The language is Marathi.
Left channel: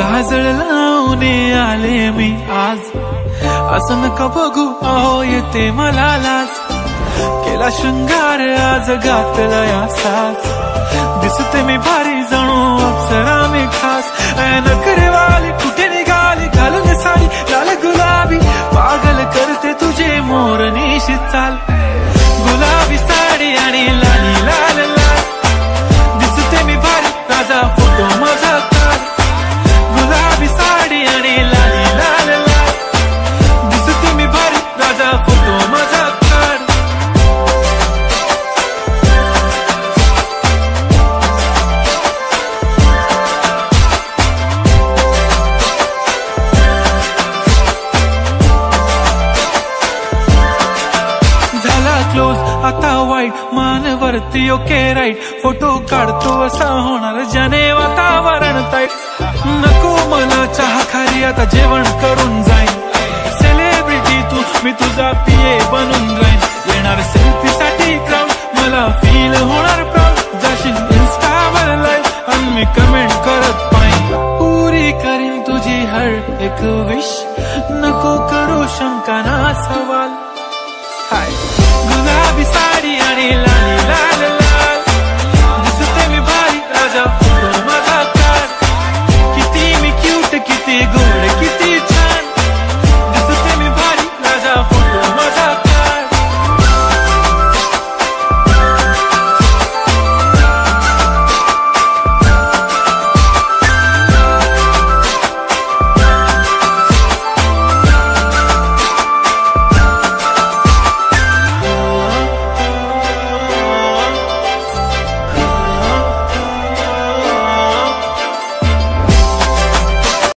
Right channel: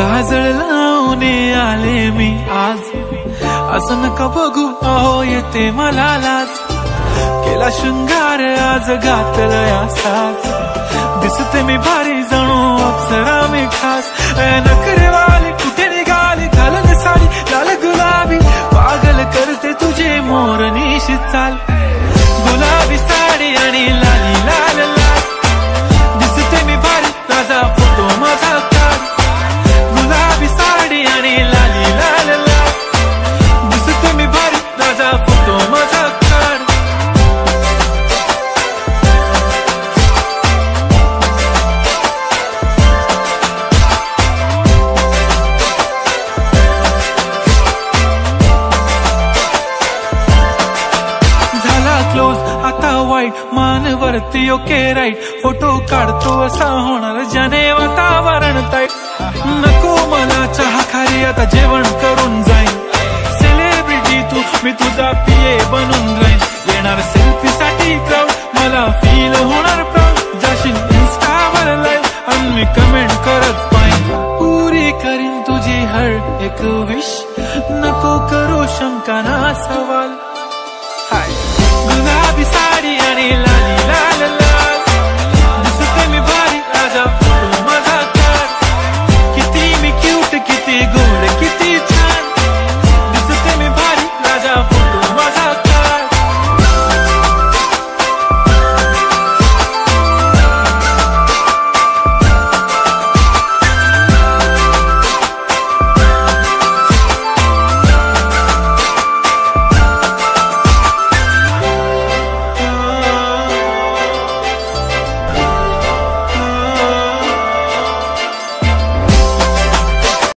काजळ लावून आले मी आज, असं नका बघू अहो येते मला लाज. केला शृंगार आज घातलाय असाच, दिसते मी भारी जणू अप्सरा मी खास. नखरेवाली कुठे निघाली घालून साडी लाल गुलाबी, पागल करते तुझे मोरनीशी चाल. गुलाबी साडी आणि लाली लाल लाल, दिसते मी भारी राजा फोटो माझा काढ. गुलाबी साडी आणि लाली लाल लाल, दिसते मी भारी राजा फोटो माझा काढ. क्लोज आता वाईट मानवरती ओके राईट, फोटो काढतो असा होणार ज्याने वातावरण ताईट. नको मला चहा खारी आता जेवण करून जाईन, सेलिब्रिटी तू मी तुझा पिये बनून राहीन. येणार सेल्फी साठी क्राऊड मला फील होणार प्राऊड, जाशील इन्स्टावर लाईव्ह आणि मी कमेंट करत पाईन. पुरी करीन तुझी हर एक विश, नको करू शंका ना सवाल. हाय गुलाबी साडी आणि लाली लाल लाल,